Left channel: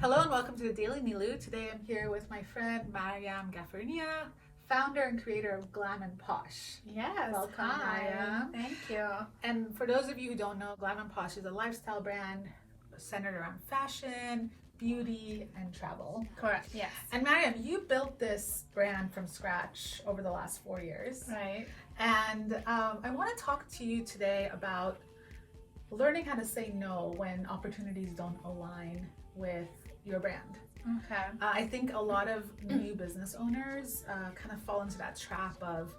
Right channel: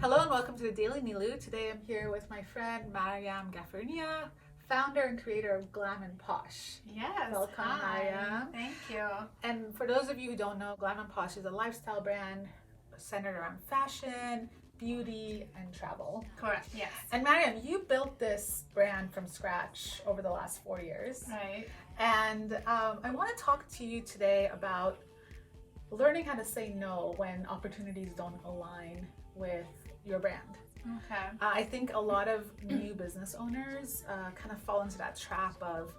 Hello and welcome to the Daily Neloo. Today I'm here with my friend Maryam Ghafarinia, founder and creator of Glam and Posh. Yes. Welcome, Hi. Maryam. Thank you. And for those of you who don't know, Glam and Posh is a lifestyle brand centered around fashion, beauty, and travel. Correct. Yes. And Maryam, you built this brand from scratch over the last 4 years. Right. And I want to talk to you today about learning how to say no when opportunities don't align with your brand. Okay. I think a lot of new business owners kind of fall into that trap of,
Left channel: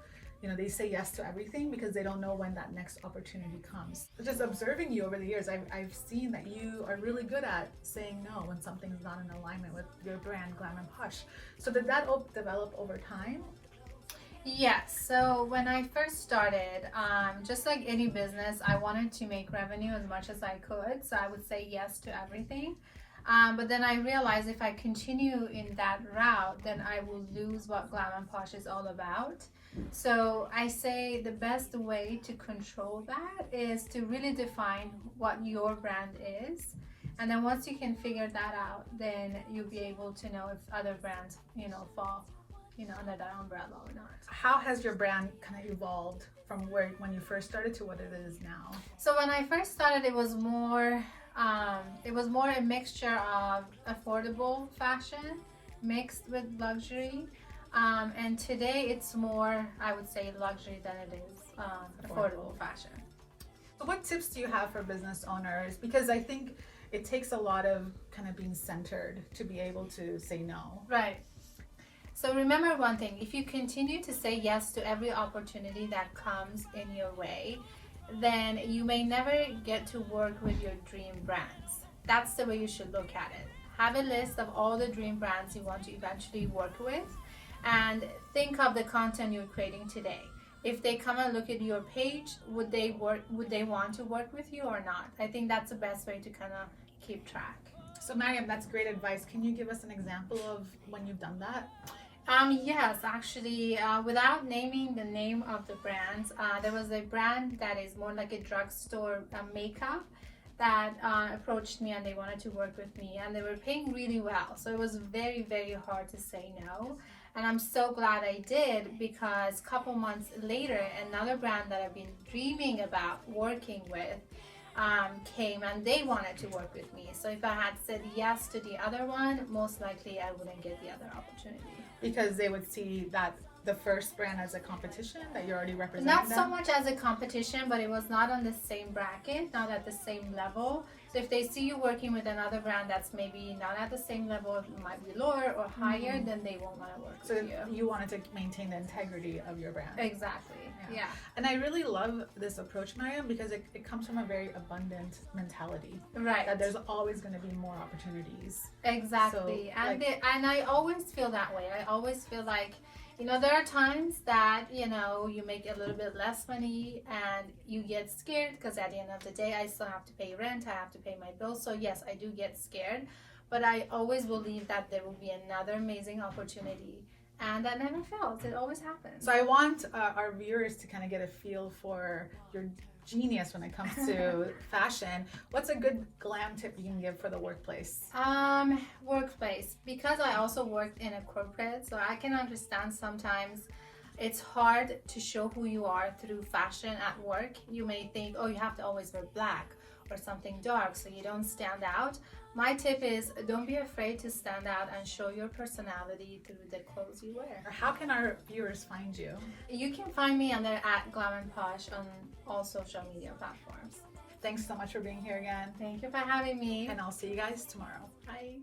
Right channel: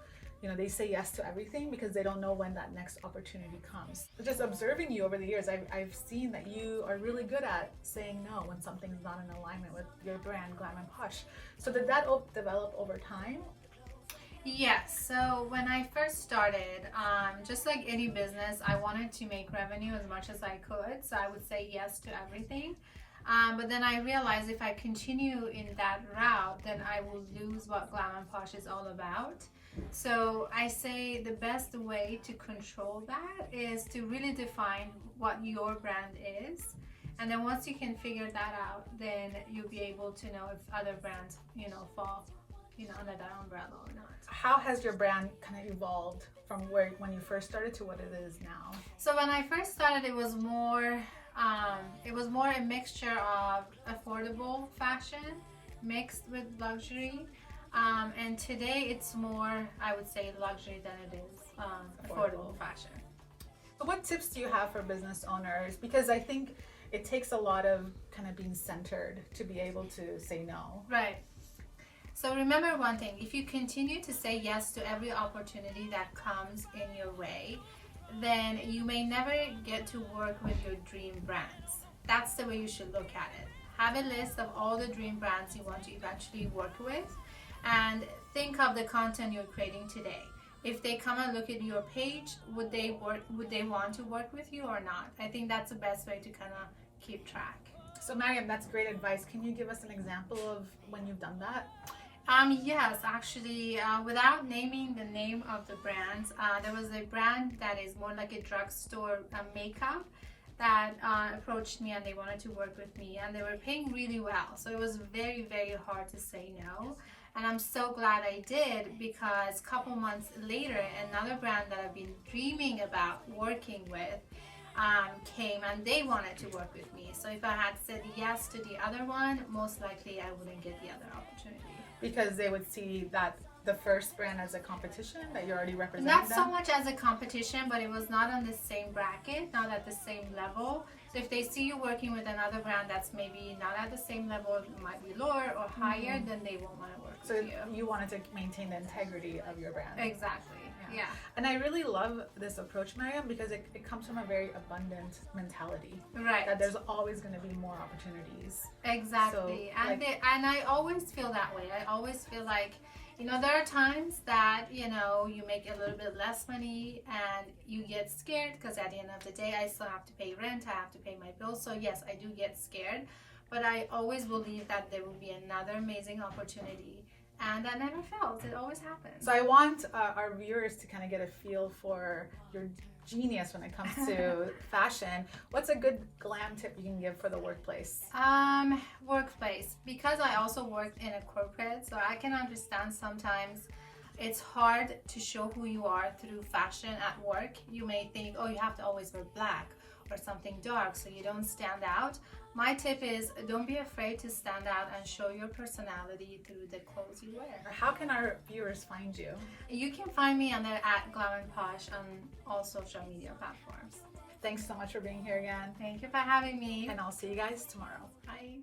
they say yes to everything because they don't know when that next opportunity comes. Just observing you over the years, I've seen that you are really good at saying no when something's not in alignment with your brand, Glam and Posh. So did that develop over time? Yes. So when I first started, just like any business, I wanted to make revenue as much as I could. So I would say yes to everything. But then I realized if I continue in that route, then I will lose what Glam and Posh is all about. So I say the best way to control that is to really define what your brand is. And then once you can figure that out, then you'll be able to know if other brands, fall, under that umbrella or not. How has your brand kind of evolved from when you first started to what it is now? So when I first started, it was more a mixture of affordable fashion mixed with luxury. And today it's more, I would say, luxury than it is affordable fashion. So what tips do you have for business owners? Because I think it takes a lot of kind of being centered to be able to say no. Right. So remember one thing, if you continue to say yes to every opportunity that comes in your way, then you may never get to work with your dream brands. That's the way you should look at it. Have a list of all the dream brands you want to eventually work with and think of the content you're creating today. If they come and look at your page, would they want to work with you or not? I think that's the best way to kind of keep track. So Maryam, that's great advice. Can you give us an example of when you've done that? Yes, actually, without naming the name of the brands, there was a brand that is more like a drugstore makeup that approached me and they wanted to work with me and they were paying really well. So it was very, very hard to say no. And I'm so glad I did because a couple months later, another brand that I've been dreaming about working with came and they wanted to work with me. So if I had said yes to the other one, most likely I wouldn't get the other opportunity. Because they would see that the first brand as a competition that you're already representing Not them? so much as a competition, but it was not on the same bracket, not at the same level. So if they see you working with another brand that's maybe not at the same level, it might be lower or higher, then they won't want to work with you. So you wanted to maintain the integrity of your brand. Exactly, yeah. And I really love this approach, Maryam, because it comes from a very abundant mentality. Right. That there's always going to be more opportunities. Exactly. So, and I always feel that way. I always feel like, there are times that, you make a little bit less money and you get scared because at the end of the day, I still have to pay rent, I have to pay my bills. So yes, I do get scared, but I always believe that there will be another amazing opportunity. And that never fails. It always happens. So I want our viewers to kind of get a feel for your genius when it comes to fashion. What's a good glam tip you can give for the workplace? Workplace. Because I also worked in a corporate, so I can understand sometimes it's hard to show who you are through fashion at work. You may think, oh, you have to always wear black or something dark so you don't stand out. My tip is don't be afraid to stand out and show your personality through the clothes you wear. How can our viewers find you? You can find me under at Glam and Posh on all social media platforms. Thanks so much for being here again. Thank you for having me. And I'll see you guys tomorrow. Bye.